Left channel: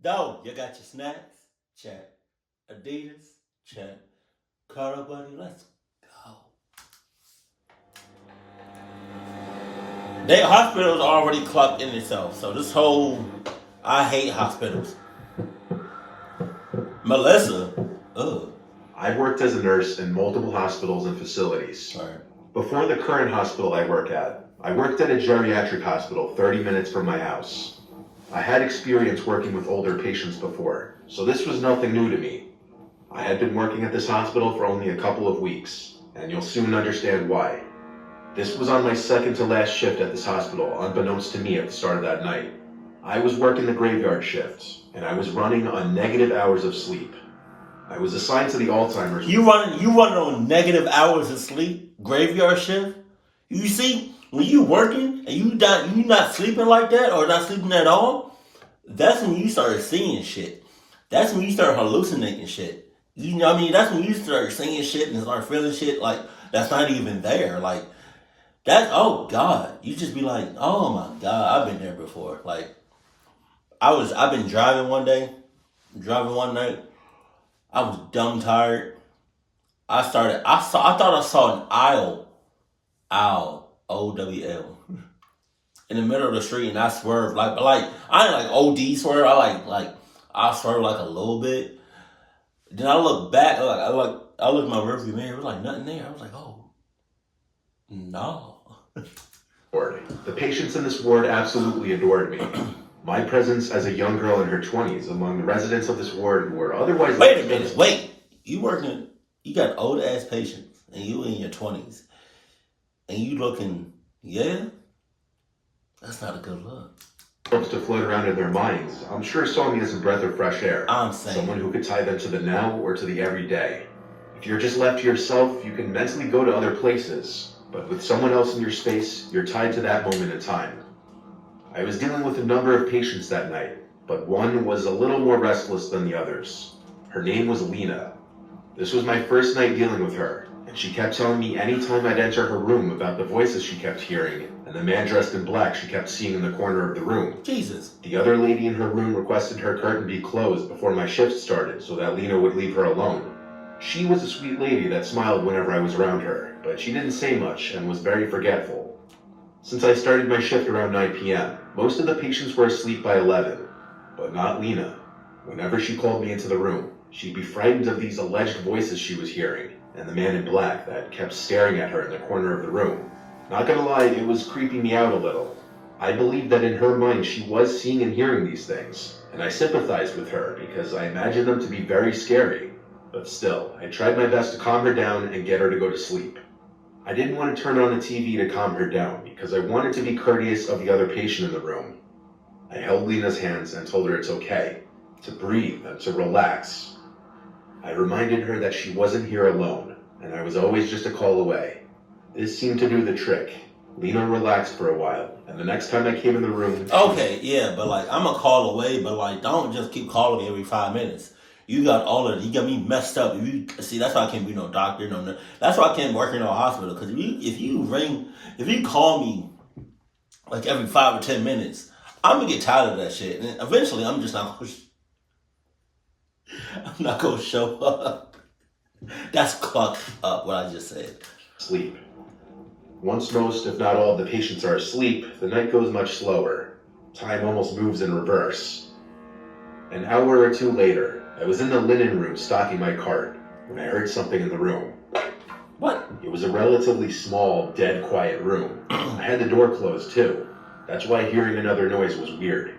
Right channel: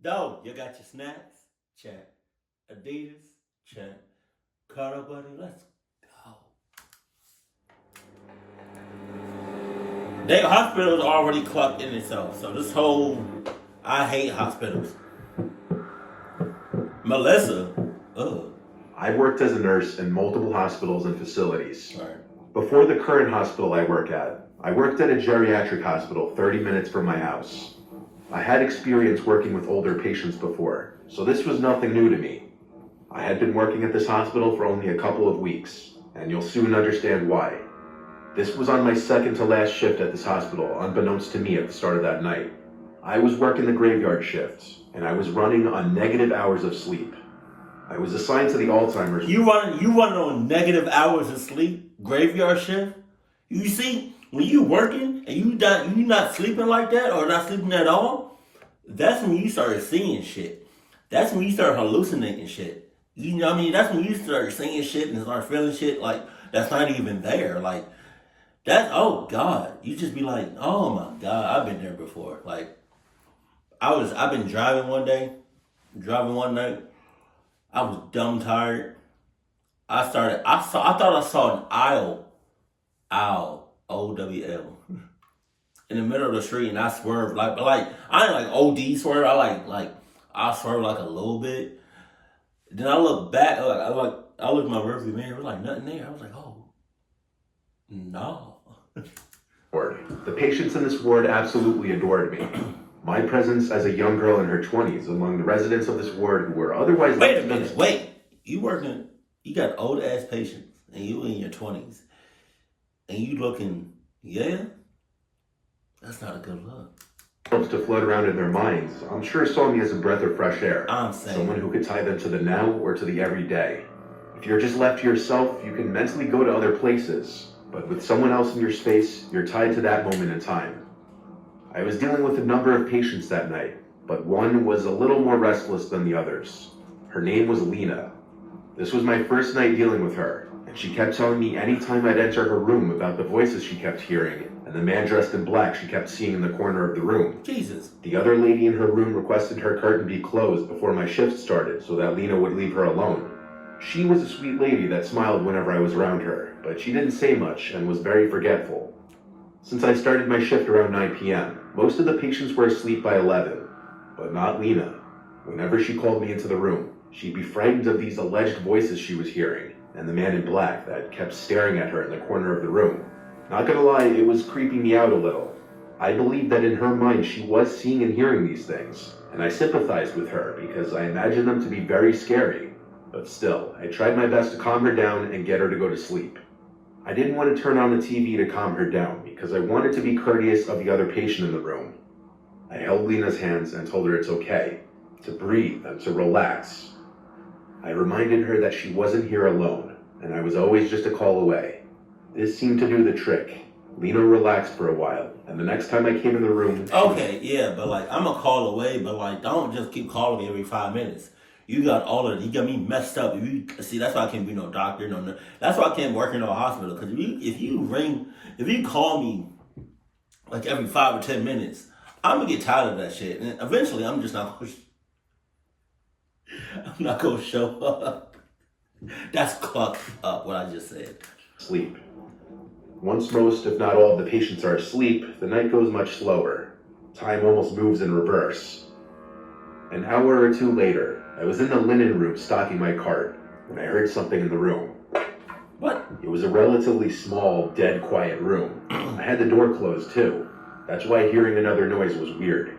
Though you got your snacks, check. Adidas, check. Cuddle buddy, let's go. They hospitals already clocked in itself, so this whole I hate hospitals. Melissa, ugh. I've worked as a nurse in multiple hospitals and facilities. Right. Before the current hospital I work at, I worked at a geriatric hospital 30 minutes from my house. I had experience working with older patients before, so this was nothing new to me. I had been working at this hospital for only a couple of weeks, and you'll soon understand why. This was on my second to last shift at this hospital, unbeknownst to me at the start of that night. I was working the graveyard shift, and I was running on negative hours of sleep. I was assigned to the Alzheimer's. You running on negative hours of sleep, graveyard shift. You see, when you working and you not sleeping like that or not sleeping at all, that's when you start seeing shit. That's when you start hallucinating shit. You know what I mean? That's when you start seeing shit and start feeling shit like that's not even there. Like that. Oh God, you just be like, oh my God, I've been there before. Like I've been driving one night. I was dumb tired. I thought I saw an owl, OWL, in the middle of the street, and I swerved like I ain't like OD swerve. I swerved like a little bit. Then I look back, I look at my rearview mirror. It was like nothing there. I was like, oh no. The patients in this ward absolutely adored me. My presence as a young girl in her 20s among the residents of this ward who were otherwise... Wait a minute, wait. You got old ass patients, and you in your 20s, and you looking, yeah? That's not a good look. To float around in their minds, I'm sure saw me as a breath of fresh air. I'm saying. Someone who could tie them to the now or to the everyday. If you're just left to yourself, you can mentally go to other places, but with someone else in your space, you're tied to that moment in time. I was dealing with a number of patients that night, but one was a little more restless than the others. Her name was Lena. This was my first night dealing with her, and she kept telling me anytime I'd enter her room about the voices she kept hearing and the man dressed in black she kept seeing in the corner of the room. Jesus. The other lady in her room requested her curtain be closed before my shift started so that Lena would leave her alone. She was a sweet lady that smiled whenever I was around her, but she didn't say much and was very forgetful. Since I started my shift around 9 p.m., most of the patients were asleep by 11, but not Lena. Whenever she called me into the room, she'd be frightened of these alleged voices she was hearing, and the man in black that kept staring at her in the corner of the room. Not gonna lie, it was creeping me out a little. I believed that in her mind she was seeing and hearing these things, and I sympathized with her because I imagined them to be very scary. But still, I tried my best to calm her down and get her to go to sleep. I didn't want to turn on the TV to calm her down because I wanted to be courteous of the other patient in the room. I held Lena's hands and told her it's okay, to breathe and to relax. I reminded her that she wasn't here alone, and I was always just a call away. This seemed to do the trick. Lena relaxed for a while, and the next time I came in the room... Okay, yeah, but like, I'm a call away, but like, don't just keep calling me every 5 minutes. You got me messed up. See, that's why I can't be no doctor, no nurse. That's why I can't work in no hospital. Because if you call me like every 5 or 10 minutes, I'm gonna get tired of that shit, and eventually I'm not gonna show up. That's clucked up what I just said. Sleep. Once most, if not all, of the patients are asleep, the night goes much slower. Time almost moves in reverse. An hour or two later, I was in the linen room stocking my cart when I heard something in the room. What? It was a relatively small, dead quiet room. I had the door closed too. That's why hearing another noise was weird.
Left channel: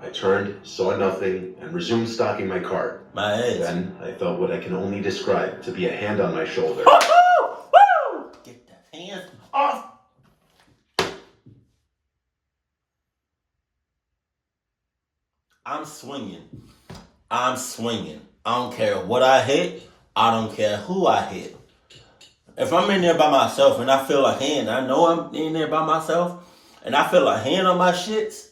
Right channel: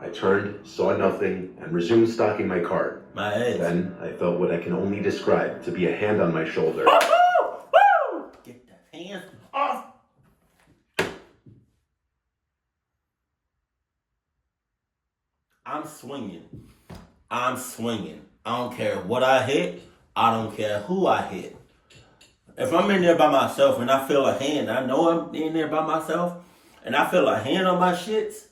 I turned, saw nothing, and resumed stocking my cart. My head. Then I felt what I can only describe to be a hand on my shoulder. Woo! Get that hand off! I'm swinging. I don't care what I hit. I don't care who I hit. If I'm in there by myself and I feel a hand, I know I'm in there by myself, and I feel a hand on my shits,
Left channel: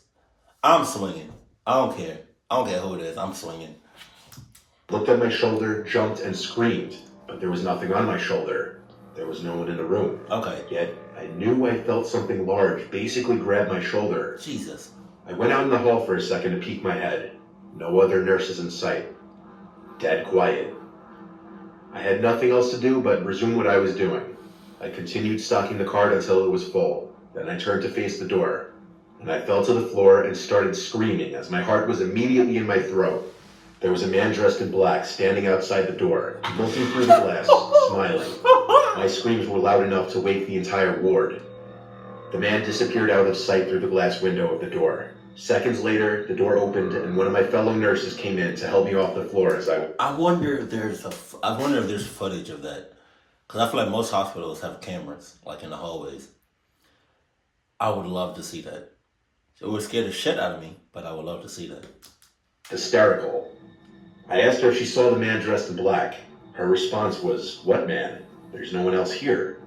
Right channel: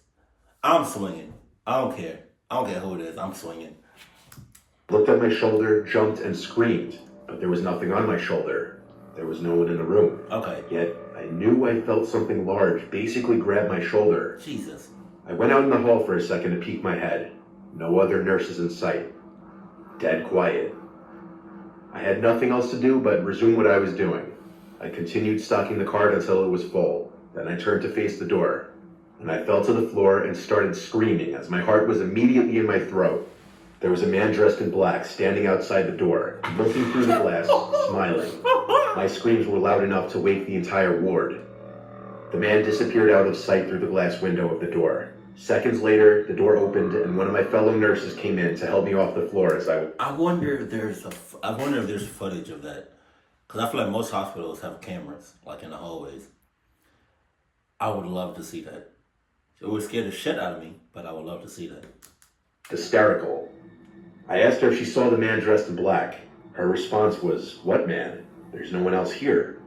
I'm swinging. I don't care. I don't care who it is. I'm swinging. Looked at my shoulder, jumped, and screamed, but there was nothing on my shoulder. There was no one in the room. Okay. Yet, I knew I felt something large basically grab my shoulder. Jesus. I went out in the hall for a second to peek my head. No other nurses in sight. Dead quiet. I had nothing else to do but resume what I was doing. I continued stocking the cart until it was full. Then I turned to face the door, and I fell to the floor and started screaming as my heart was immediately in my throat. There was a man dressed in black standing outside the door, looking through the glass, smiling. My screams were loud enough to wake the entire ward. The man disappeared out of sight through the glass window of the door. Seconds later, the door opened and one of my fellow nurses came in to help me off the floor as I wonder if there's footage of that, because I feel like most hospitals have cameras like in the hallways. I would love to see that. It would scare the shit out of me, but I would love to see that. Hysterical. I asked her if she saw the man dressed in black. Her response was, "What man? There's no one else here."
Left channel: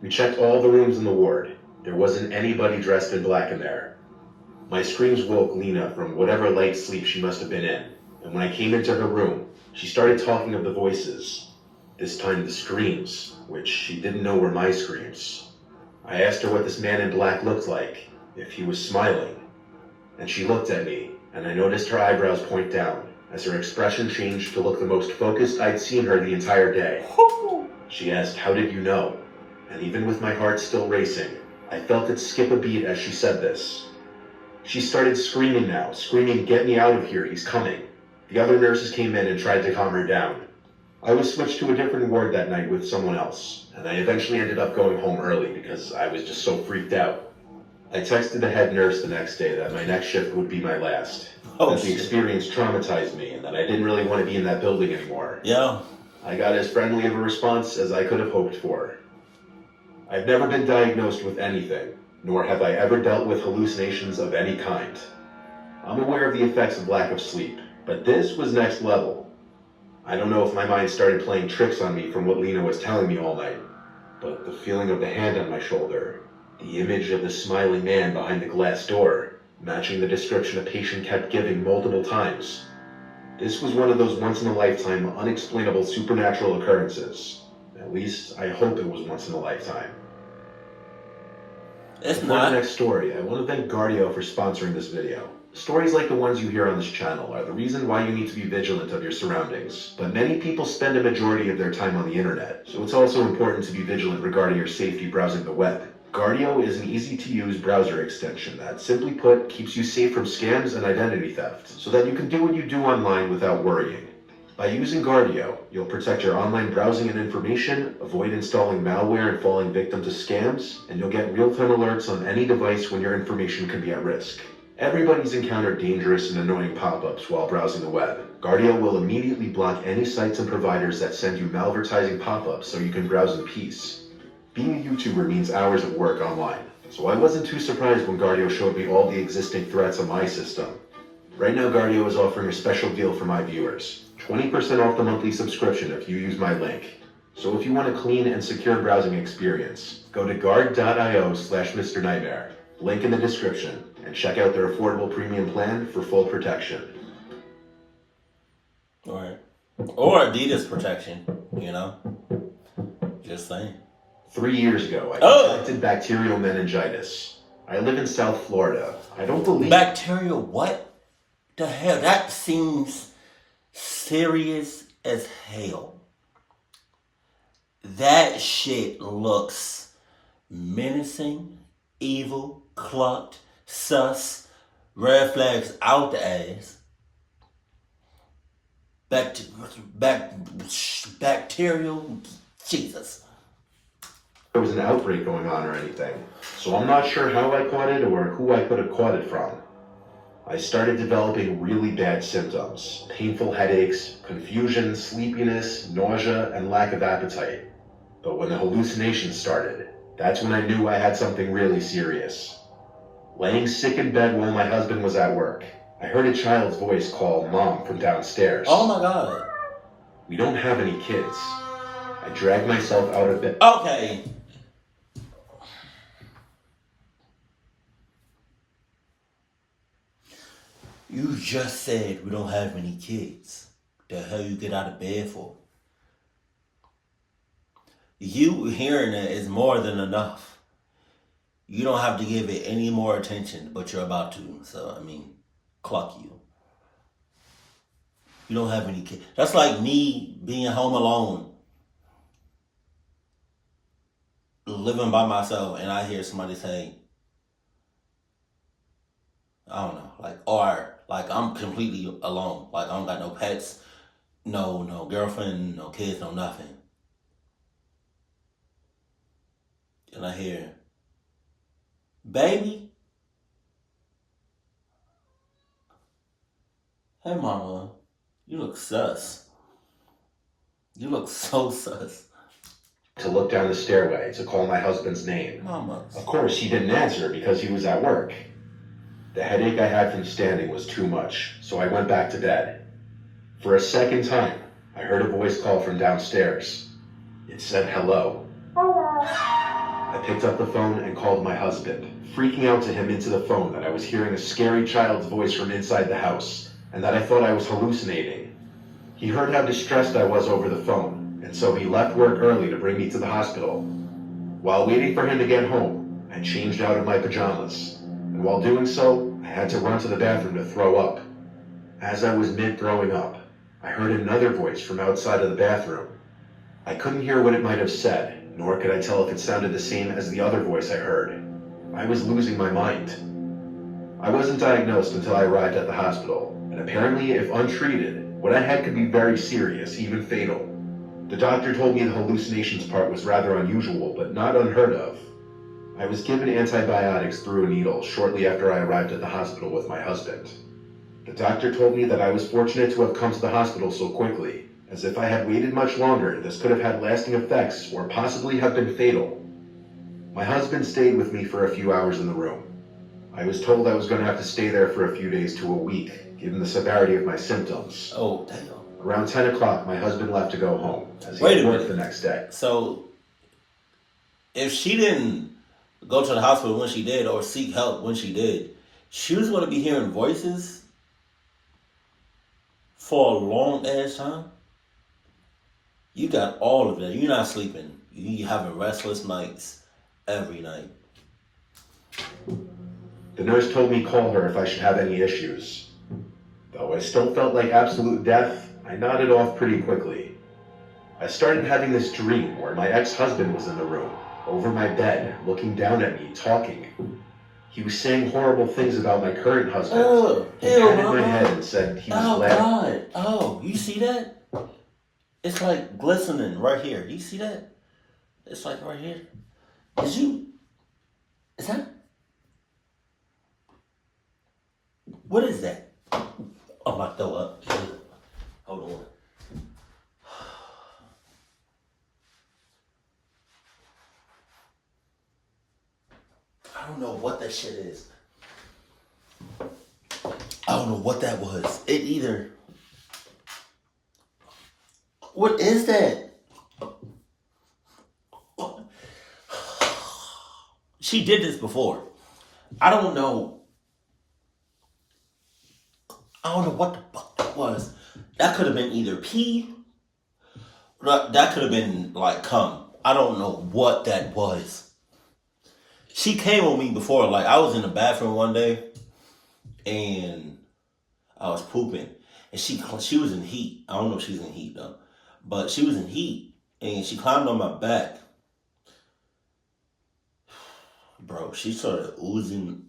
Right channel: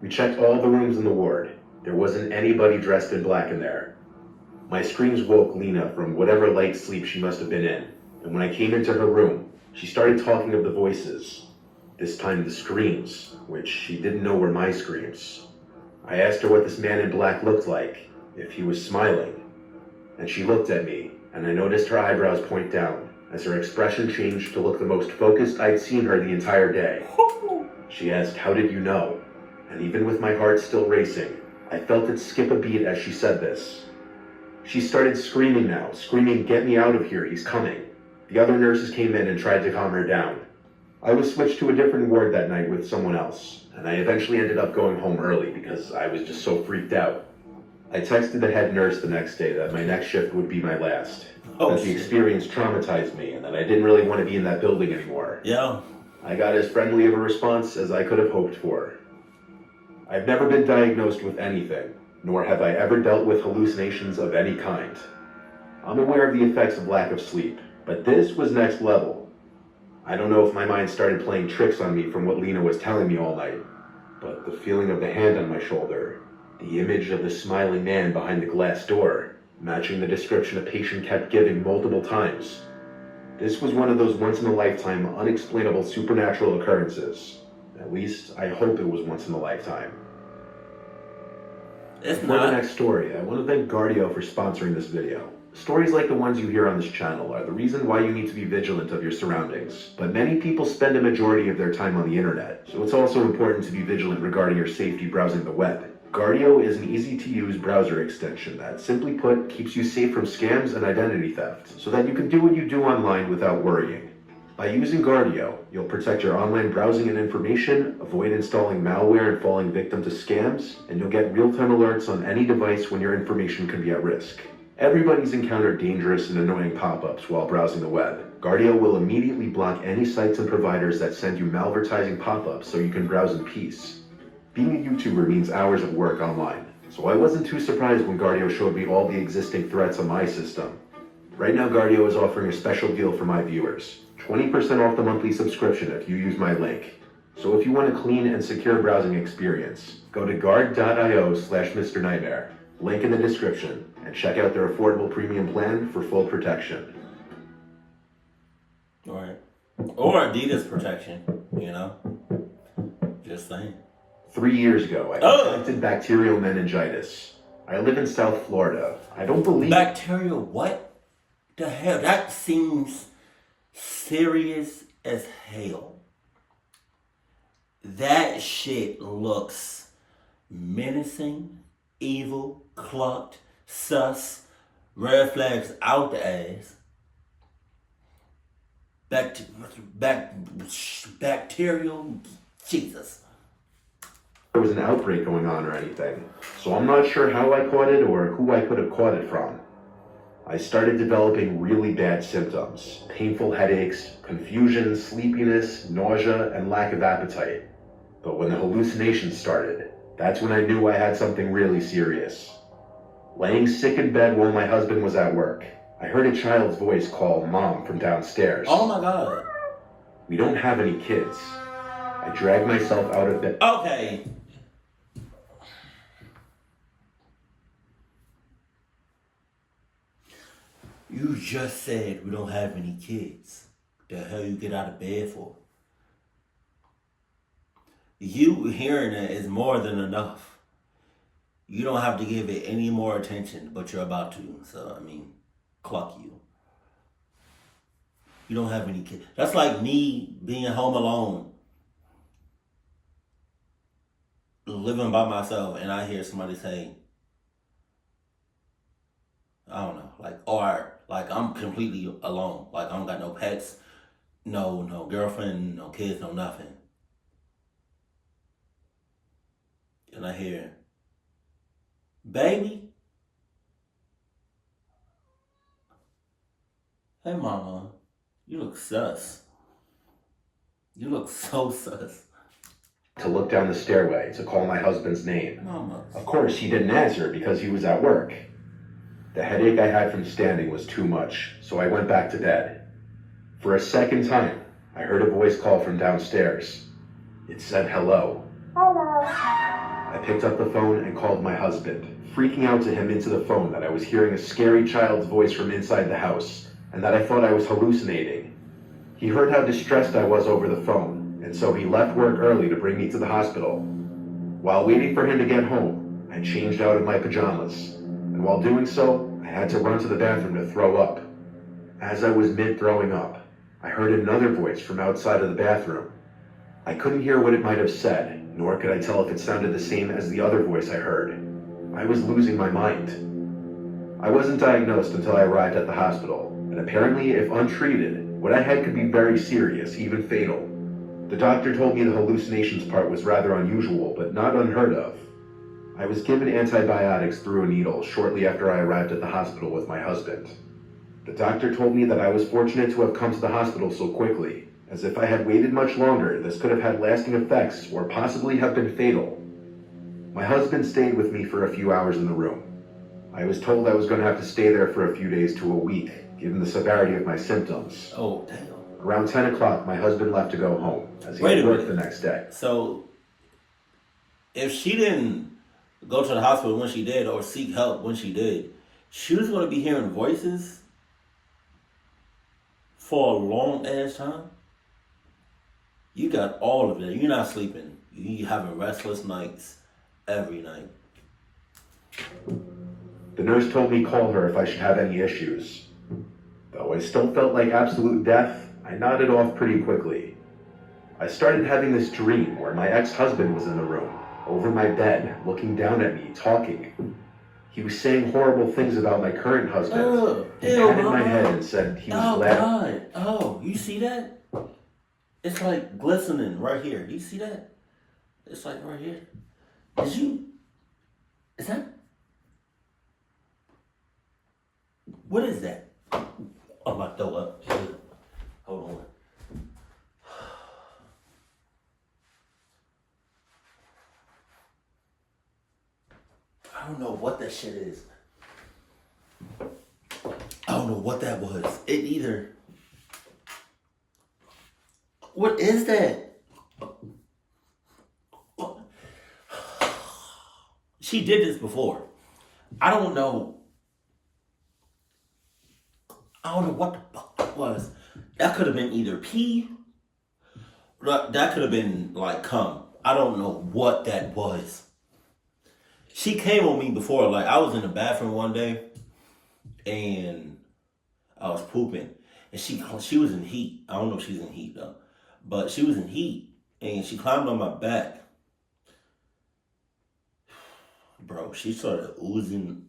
We checked all the rooms in the ward. There wasn't anybody dressed in black in there. My screams woke Lena from whatever light sleep she must have been in, and when I came into her room, she started talking of the voices. This time the screams, which she didn't know were my screams. I asked her what this man in black looked like, if he was smiling, and she looked at me, and I noticed her eyebrows point down, as her expression changed to look the most focused I'd seen her the entire day. She asked, "How did you know?" And even with my heart still racing, I felt it skip a beat as she said this. She started screaming now, screaming, "Get me out of here, he's coming." The other nurses came in and tried to calm her down. I was switched to a different ward that night with someone else, and I eventually ended up going home early because I was just so freaked out. I texted the head nurse the next day that my next shift would be my last, that the experience traumatized me and that I didn't really want to be in that building anymore. Yeah. I got as friendly of a response as I could have hoped for. I've never been diagnosed with anything, nor have I ever dealt with hallucinations of any kind. I'm aware of the effects of lack of sleep, but this was next level. I don't know if my mind started playing tricks on me from what Lena was telling me all night, but the feeling of the hand on my shoulder, the image of the smiling man behind the glass door, matching the description a patient kept giving multiple times. This was one of those once-in-a-lifetime, unexplainable supernatural occurrences. At least, I hope it was once in a lifetime. For the next story, I want to thank Gardio for sponsoring this video. Stories like the ones you hear on this channel are the reason why you need to be vigilant of your surroundings. But many people spend a majority of their time on the internet, so it's also important to be vigilant regarding your safety browsing the web. Gardio is an easy-to-use browser extension that, simply put, keeps you safe from scams and identity theft, so that you can do what you do online without worrying. By using Gardio, you'll protect your online browsing and information, avoid installing malware and falling victim to scams, and you'll get real-time alerts on any device when your information can be at risk. Everybody's encountered dangerous and annoying pop-ups while browsing the web. Gardio will immediately block any sites and providers that send you malvertising pop-ups so you can browse in peace. Being a YouTuber means hours of work online, so I wasn't too surprised when Gardio showed me all the existing threats on my system. Right now, Gardio is offering a special deal for my viewers. 20% off the monthly subscription if you use my link. So if you want a clean and secure browsing experience, go to guard.io/Mr. Nightmare, link in the description, and check out their affordable premium plan for full protection. Right. Or Adidas protection, you know? Just saying. 3 years ago, I contracted bacterial meningitis. I live in South Florida. I don't believe... Bacterial what? The hell? That seems serious as hell. That shit looks menacing, evil, clocked, sus, red flags out the ass. Bacterial, Jesus. There was an outbreak going on or anything, so I'm not sure how I caught it or who I could have caught it from. I started developing really bad symptoms, painful headaches, confusion, sleepiness, nausea, and lack of appetite. But when the hallucinations started, that's when I knew I had something really serious. Laying sick in bed while my husband was at work, I heard a child's voice call Mom from downstairs. Oh my God. We don't have any kids. I dragged myself out of bed. Okay. You just said we don't have any kids. The hell you get out of bed for? You hearing it is more than enough. You don't have to give it any more attention, but you're about to. So, I mean, clock you. You don't have any kids. That's like me being home alone, living by myself, and I hear somebody say, I don't know, like, or like I'm completely alone. Like I don't got no pets, no girlfriend, no kids, no nothing. And I hear, baby, hey mama, you look sus. You look so sus. To look down the stairway to call my husband's name. Mama. Of course, he didn't answer because he was at work. The headache I had from standing was too much, so I went back to bed. For a second time, I heard a voice call from downstairs. It said hello. Hello. I picked up the phone and called my husband, freaking out to him into the phone that I was hearing a scary child's voice from inside the house, and that I thought I was hallucinating. He heard how distressed I was over the phone, and so he left work early to bring me to the hospital. While waiting for him to get home, I changed out of my pajamas, and while doing so, I had to run to the bathroom to throw up. As I was mid-throwing up, I heard another voice from outside of the bathroom. I couldn't hear what it might have said, nor could I tell if it sounded the same as the other voice I heard. I was losing my mind. I wasn't diagnosed until I arrived at the hospital, and apparently, if untreated, what I had could be very serious, even fatal. The doctor told me the hallucinations part was rather unusual, but not unheard of. I was given antibiotics through a needle shortly after I arrived at the hospital with my husband. The doctor told me that I was fortunate to have come to the hospital so quickly, as if I had waited much longer, this could have had lasting effects or possibly have been fatal. My husband stayed with me for a few hours in the room. I was told I was going to have to stay there for a few days to a week, given the severity of my symptoms. Oh, damn. Around 10 o'clock, my husband left to go home, as he Wait had a work minute. the next day. So, if she didn't go to the hospital when she did or seek help when she did, she was going to be hearing voices for a long ass time? You got all of that. You're not sleeping. You having restless nights every night. The nurse told me call her if I should have any issues. Though I still felt like absolute death, I nodded off pretty quickly. I started having this dream where my ex-husband was in the room, over my bed, looking down at me, talking. He was saying horrible things about my current husband. He patted my head and said he was glad. Oh, God. Oh, you see that? It's like glistening right here. You see that? It's like right here. Is that? What is that? I'm about to throw up. Hold on. I don't know what that shit is. I don't know what that was. It either. What is that? She did this before. I don't know. I don't know what the fuck that was. That could have been either pee. That could have been like cum. I don't know what that was. She came on me before. Like I was in the bathroom one day, and I was pooping, and she was in heat. I don't know if she's in heat though, but she was in heat, and she climbed on my back. Bro, she started oozing.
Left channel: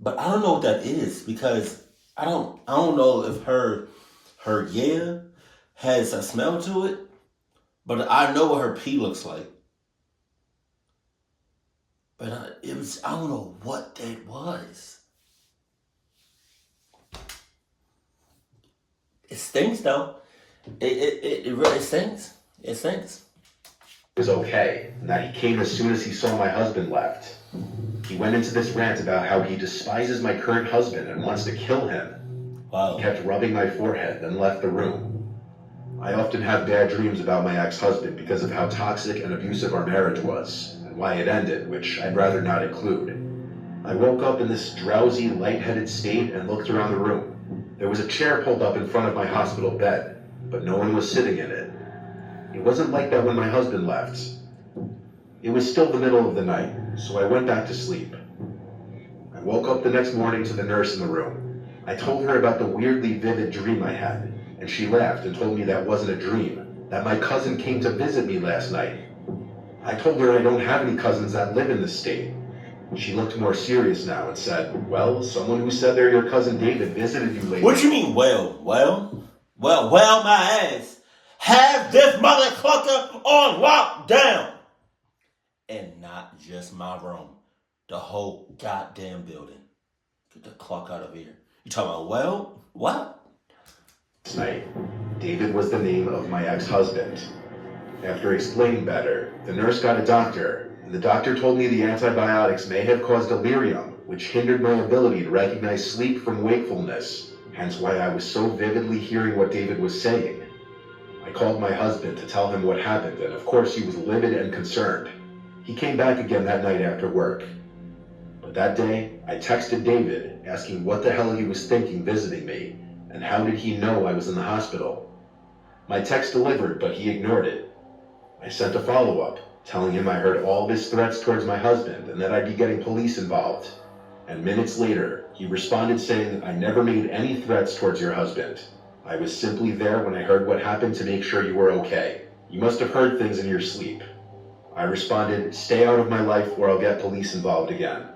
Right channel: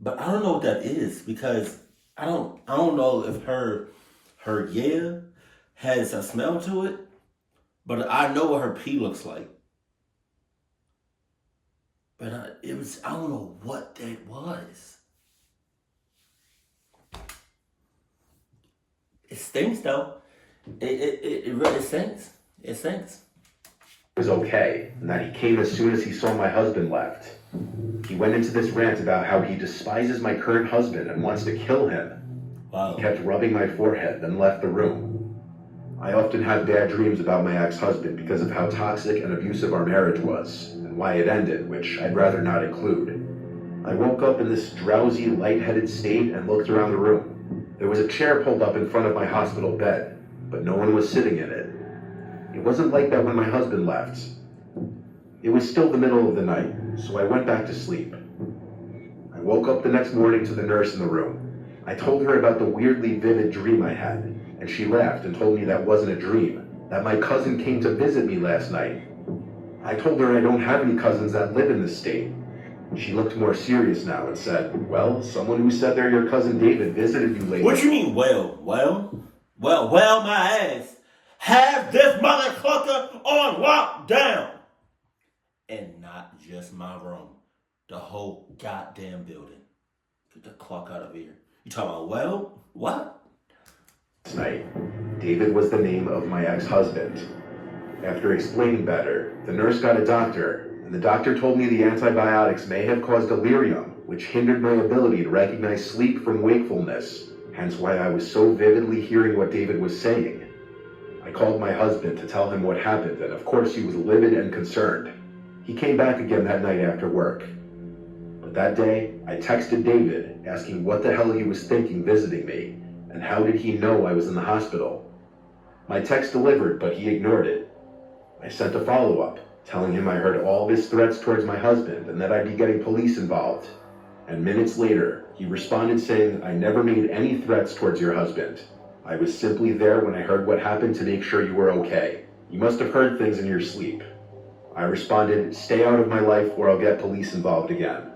But I don't know what that is because I don't know if her yeah has a smell to it, but I know what her pee looks like. But I don't know what that was. It stinks though. It really stinks. It stinks. It was okay, and that he came as soon as he saw my husband left. He went into this rant about how he despises my current husband and wants to kill him. Wow. He kept rubbing my forehead, then left the room. I often have bad dreams about my ex-husband because of how toxic and abusive our marriage was, and why it ended, which I'd rather not include. I woke up in this drowsy, lightheaded state and looked around the room. There was a chair pulled up in front of my hospital bed, but no one was sitting in it. It wasn't like that when my husband left. It was still the middle of the night, so I went back to sleep. I woke up the next morning to the nurse in the room. I told her about the weirdly vivid dream I had, and she laughed and told me that wasn't a dream, that my cousin came to visit me last night. I told her I don't have any cousins that live in this state. She looked more serious now and said, well, someone who said they're your cousin David visited you lately. What you mean, well, my ass. Have this mother clucker on lockdown. And not just my room. The whole goddamn building. Get the clock out of here. You talking about, well, what? Last night, David was the name of my ex-husband. After explaining better, the nurse got a doctor, and the doctor told me the antibiotics may have caused delirium, which hindered my ability to recognize sleep from wakefulness, hence why I was so vividly hearing what David was saying. I called my husband to tell him what happened, and of course he was livid and concerned. He came back again that night after work. But that day, I texted David, asking what the hell he was thinking visiting me, and how did he know I was in the hospital. My text delivered, but he ignored it. I sent a follow-up, telling him I heard all of his threats towards my husband and that I'd be getting police involved. And minutes later, he responded saying, I never made any threats towards your husband. I was simply there when I heard what happened to make sure you were okay. You must have heard things in your sleep. I responded, stay out of my life or I'll get police involved again.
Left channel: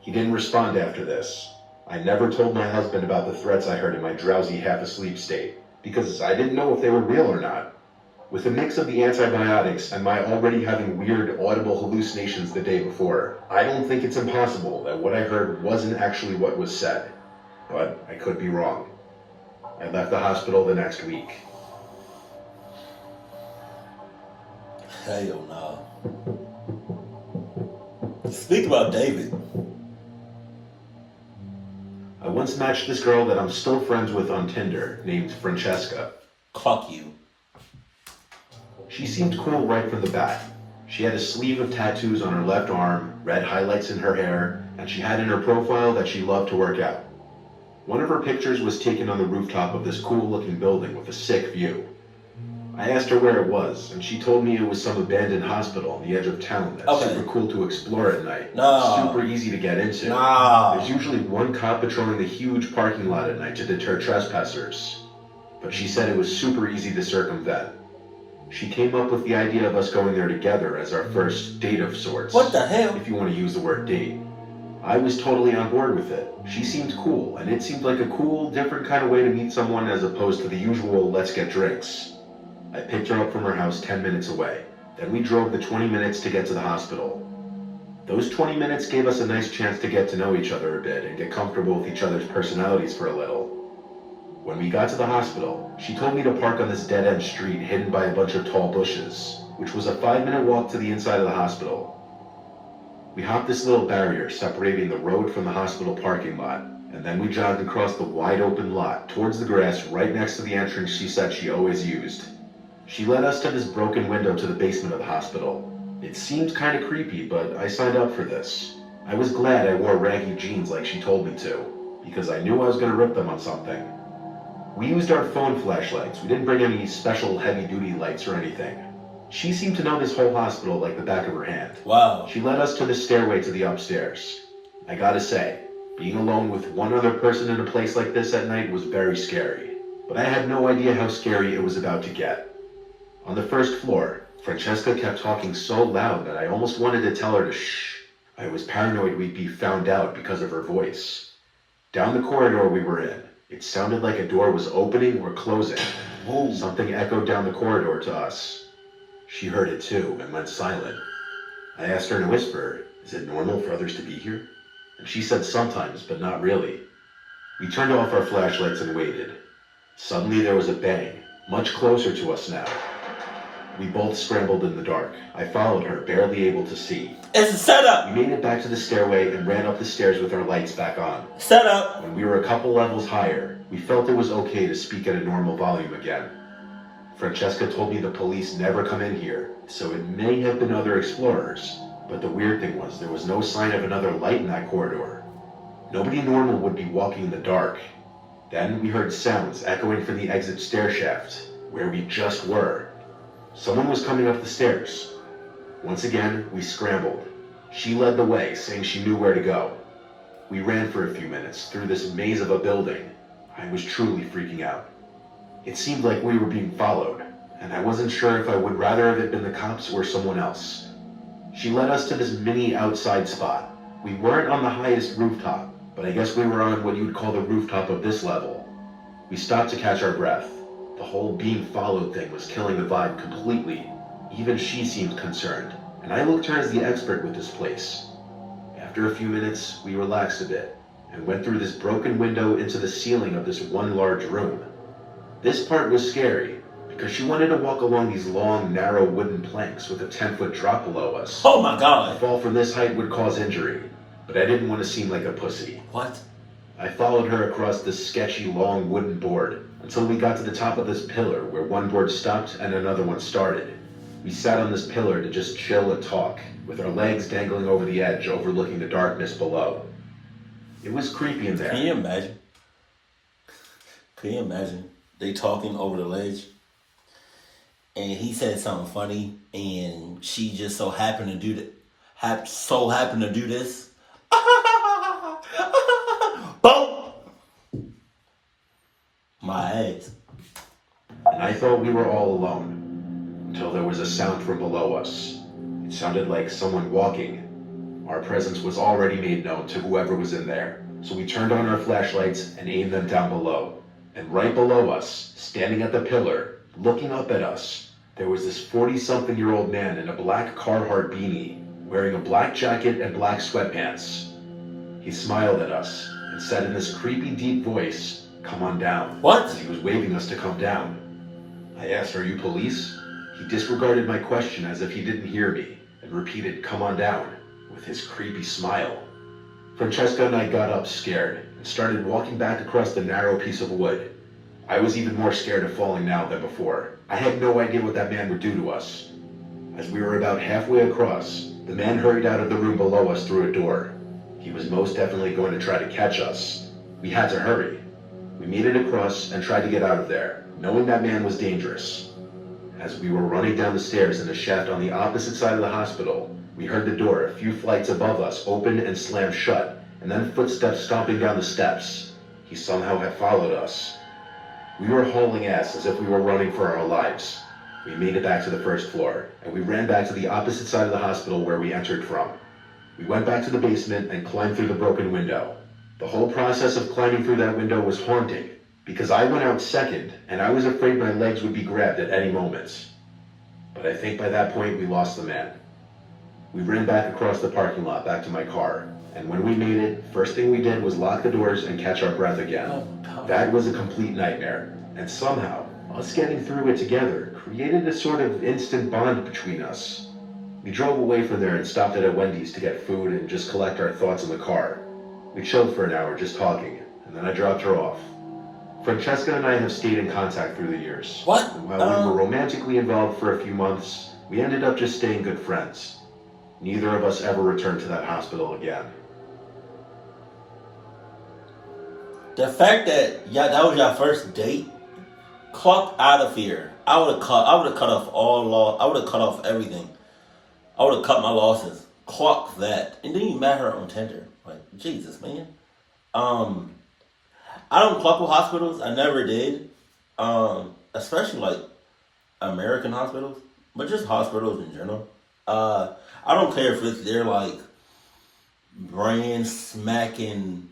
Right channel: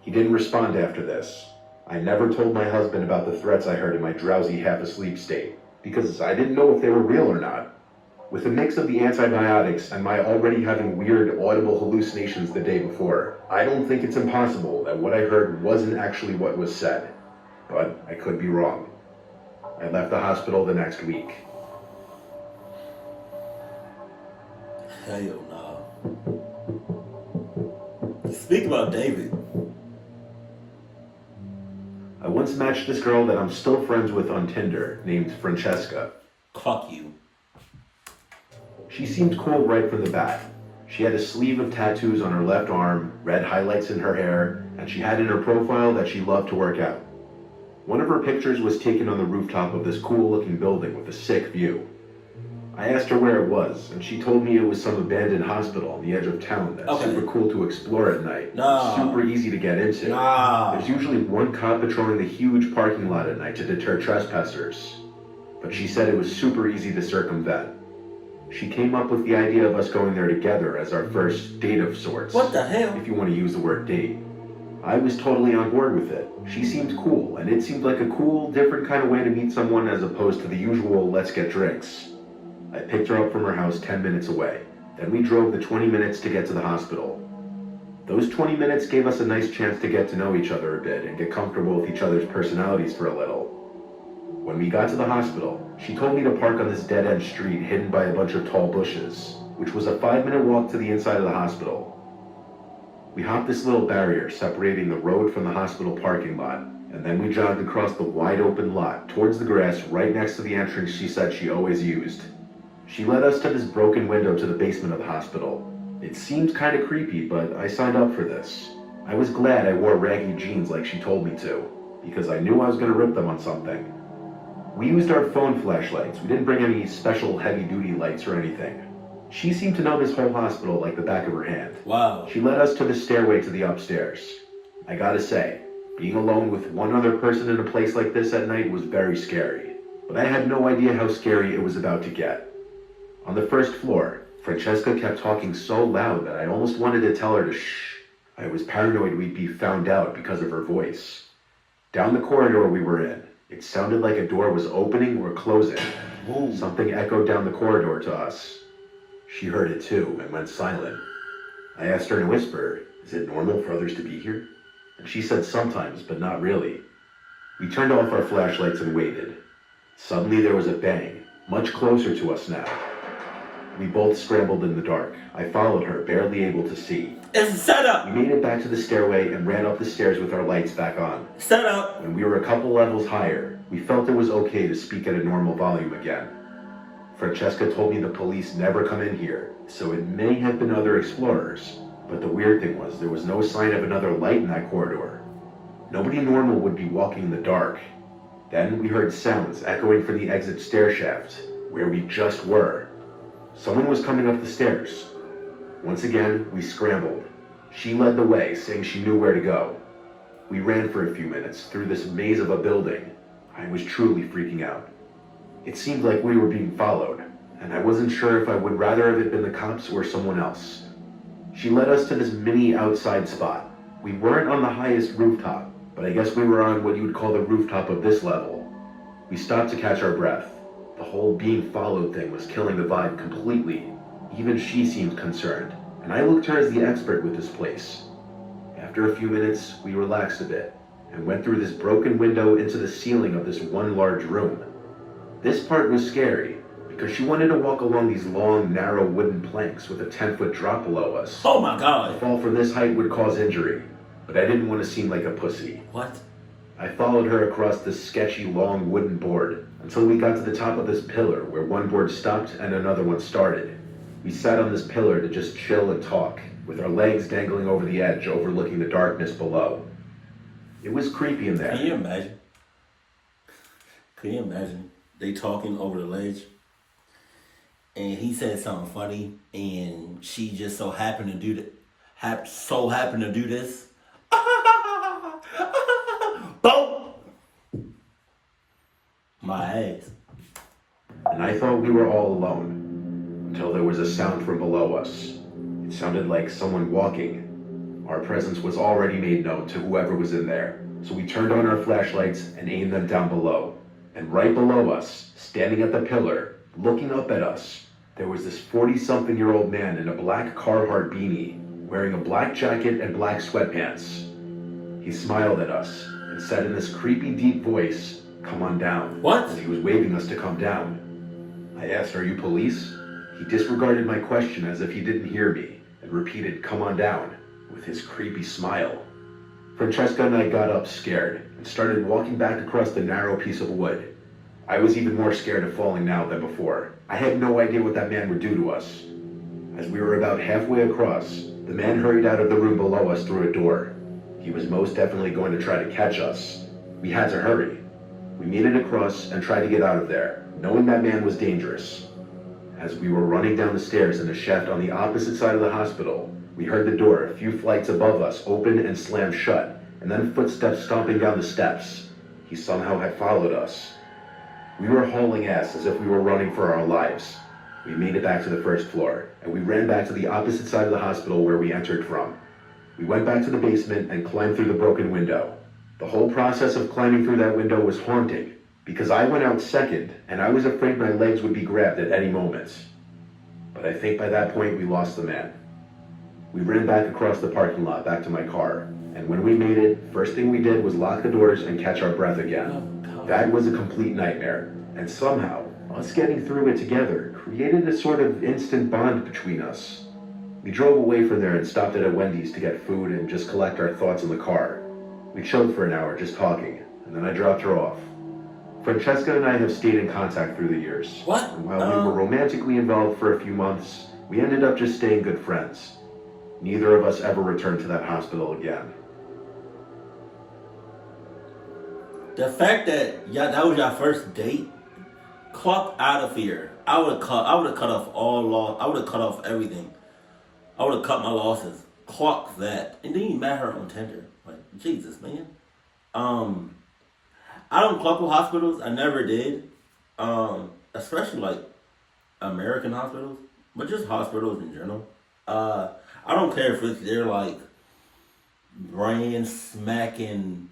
He didn't respond after this. I never told my husband about the threats I heard in my drowsy half-asleep state, because I didn't know if they were real or not. With a mix of the antibiotics and my already having weird audible hallucinations the day before, I don't think it's impossible that what I heard wasn't actually what was said. But I could be wrong. I left the hospital the next week. Hell no. Speak about David. I once matched this girl that I'm still friends with on Tinder, named Francesca. Fuck you. She seemed cool right from the bat. She had a sleeve of tattoos on her left arm, red highlights in her hair, and she had in her profile that she loved to work out. One of her pictures was taken on the rooftop of this cool-looking building with a sick view. I asked her where it was, and she told me it was some abandoned hospital on the edge of town that's super cool to explore at night. No. Super easy to get into. No. There's usually one cop patrolling the huge parking lot at night to deter trespassers. But she said it was super easy to circumvent. She came up with the idea of us going there together as our first date of sorts. What the hell? If you want to use the word date. I was totally on board with it. She seemed cool, and it seemed like a cool, different kind of way to meet someone as opposed to the usual let's get drinks. I picked her up from her house 10 minutes away. Then we drove the 20 minutes to get to the hospital. Those 20 minutes gave us a nice chance to get to know each other a bit and get comfortable with each other's personalities for a little. When we got to the hospital, she told me to park on this dead-end street hidden by a bunch of tall bushes, which was a 5-minute walk to the inside of the hospital. We hopped this little barrier separating the road from the hospital parking lot, and then we jogged across the wide-open lot towards the grass right next to the entrance she said she always used. She led us to this broken window to the basement of the hospital. It seemed kind of creepy, but I signed up for this. I was glad I wore raggy jeans like she told me to, because I knew I was going to rip them on something. We used our phone flashlights. We didn't bring any special heavy-duty lights or anything. She seemed to know this whole hospital like the back of her hand. Wow. She led us to the stairway to the upstairs. I gotta say, being alone with one other person in a place like this at night was very scary. But I had no idea how scary it was about to get. On the first floor, Francesca kept talking so loud that I almost wanted to tell her to shh. I was paranoid we'd be found out because of her voice. Down the corridor we were in, it sounded like a door was opening or closing. Ooh. Something echoed down the corridor to us. She heard it too and went silent. I asked her in a whisper, is it normal for others to be here? And she said sometimes, but not really. We turned off our flashlights and waited. Suddenly there was a bang, much closer to us now. We both scrambled in the dark. I followed her, barely able to see. It's a setup. We made it back to the stairway and ran up the stairs with our lights back on. Setup. When we were a couple levels higher, we felt it was okay to speak at a normal volume again. Francesca told me the police never come in here, so it may have been other explorers. But the weird thing was, there was no sign of another light in that corridor. Nobody normal would be walking in the dark. Then we heard sounds echoing from the exit stair shaft, where we just were. Someone was coming up the stairs. Once again, we scrambled. She led the way, saying she knew where to go. We ran for a few minutes through this maze of a building. I was truly freaking out. It seemed like we were being followed, and I wasn't sure if I would rather have it been the cops or someone else. She led us to this mini outside spot. We weren't on the highest rooftop, but I guess we were on what you would call the rooftop of this level. We stopped to catch our breath. The whole being followed thing was killing the vibe completely. Even she seemed concerned, and I looked to her as the expert with this place. After a few minutes, we relaxed a bit and went through this broken window into the ceiling of this one large room. This part was scary because she wanted to walk along these long, narrow wooden planks with a 10-foot drop below us. Oh my A God. fall from this height would cause injury, but I didn't want to seem like a pussy. What? I followed her across this sketchy long wooden board until we got to the top of this pillar where one board stopped and another one started. We sat on this pillar to just chill and talk, with our legs dangling over the edge overlooking the darkness below. It was creepy in there. Can you imagine? Can you imagine? They talking over the ledge, and he said something funny, and she just so happened to do this. Boom! My ass. And I thought we were all alone, until there was a sound from below us. It sounded like someone walking. Our presence was already made known to whoever was in there, so we turned on our flashlights and aimed them down below. And right below us, standing at the pillar, looking up at us, there was this 40-something-year-old man in a black Carhartt beanie, wearing a black jacket and black sweatpants. He smiled at us and said in this creepy deep voice, "Come on down." What? As he was waving us to come down. I asked, "Are you police?" He disregarded my question as if he didn't hear me and repeated, "Come on down," with his creepy smile. Francesca and I got up scared and started walking back across the narrow piece of wood. I was even more scared of falling now than before. I had no idea what that man would do to us. As we were about halfway across, the man hurried out of the room below us through a door. He was most definitely going to try to catch us. We had to hurry. We made it across and tried to get out of there, knowing that man was dangerous. As we were running down the stairs in a shaft on the opposite side of the hospital, we heard the door a few flights above us open and slam shut, and then footsteps stomping down the steps. He somehow had followed us. We were hauling ass as if we were running for our lives. We made it back to the first floor, and we ran back to the opposite side of the hospital where we entered from. We went back to the basement and climbed through the broken window. The whole process of climbing through that window was haunting, because I went out second, and I was afraid my legs would be grabbed at any moment. But I think by that point we lost the man. We ran back across the parking lot back to my car, and when we made it, first thing we did was lock the doors and catch our breath again. That was a complete nightmare, and somehow, us getting through it together created a sort of instant bond between us. We drove away from there and stopped at a Wendy's to get food and just collect our thoughts in the car. We chilled for an hour just talking, and then I dropped her off. Francesca and I have stayed in contact through the years. What? And while we were romantically involved for a few months, we ended up just staying good friends. Neither of us ever returned to that hospital again. The fact that that was your first date, clock out of here. I would have cut off all law. I would have cut off everything. I would have cut my losses. Clock that, and then you met her on Tinder. Like Jesus, man. I don't clock with hospitals. I never did. Especially like American hospitals, but just hospitals in general. I don't care if they're like brand smacking,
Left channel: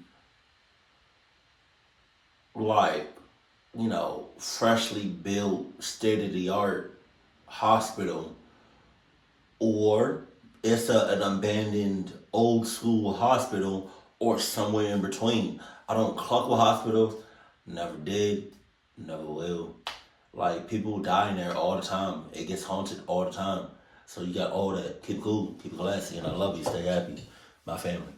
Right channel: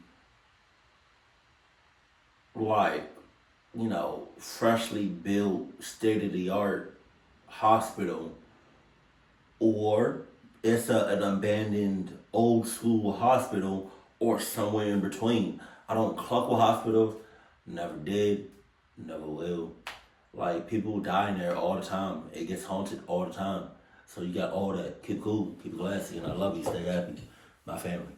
like, freshly built, state of the art hospital, or it's an abandoned old school hospital, or somewhere in between. I don't cluck with hospitals. Never did. Never will. Like, people die in there all the time. It gets haunted all the time. So you got all that. Keep cool. Keep it classy. And I love you. Stay happy. My family.